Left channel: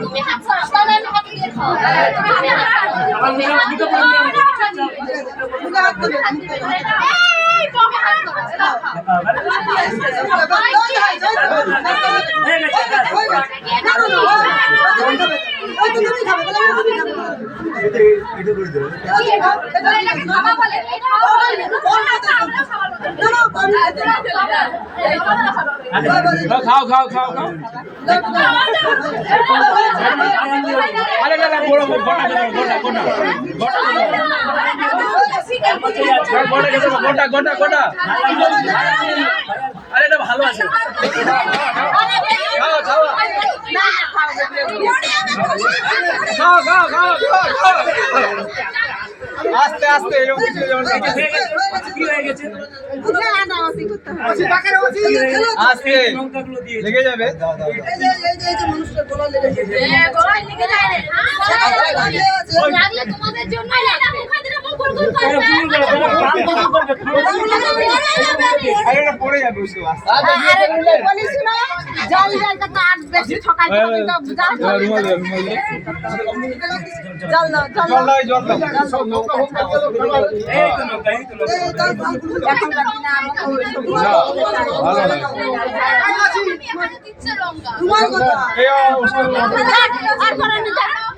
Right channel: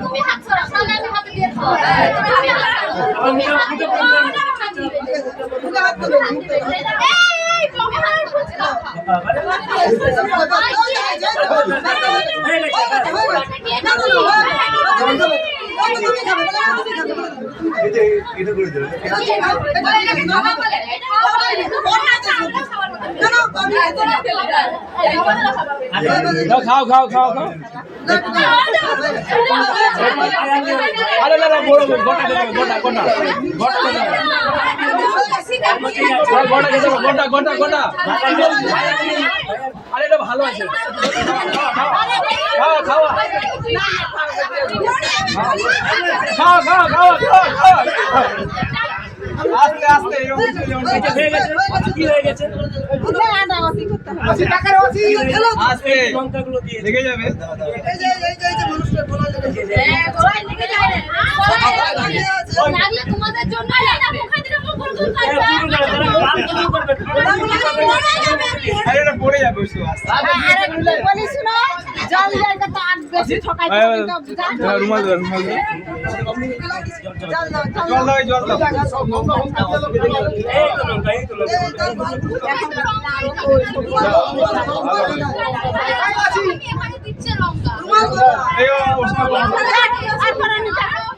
তুমি হাত ছড়াও তাহলে আমি হাতে দিয়ে খাও তুমি হাত এই বাবা হাত খাও এটা করে দেবে খাও খাও খাও খাও আরে দাদা বড় গোটা গোটা গোটা গোটা গোটা গোটা আরে এটা ভালো আছে খাও খাও খাও খাও খাও খাও আস্তে আস্তে এরকম কিছু যেমন কি হয়ে গেছে না ওসি করতে হবে আচ্ছা টাকার ওসি আস্তে লঙ্কাগুলো দিয়ে লেগে যাবে এই যে মানুষটা গলা লেগে যাবে গলায় লেগে যায় রে লাগলে তোমাদের জন্য লাগা মুখে দিলে গুল গুল করবে আরে এটা পড়ে যাবে ওসব আস্তে আরে বলিস না জল জায়গা তো আর বেশি ঠকাই তো রুমাল দাও জল দাও জল দাও জল দাও এই তো লঙ্কা এই তো লঙ্কা এখন না দিচ্ছে লঙ্কা রুমাল এই ওসব আর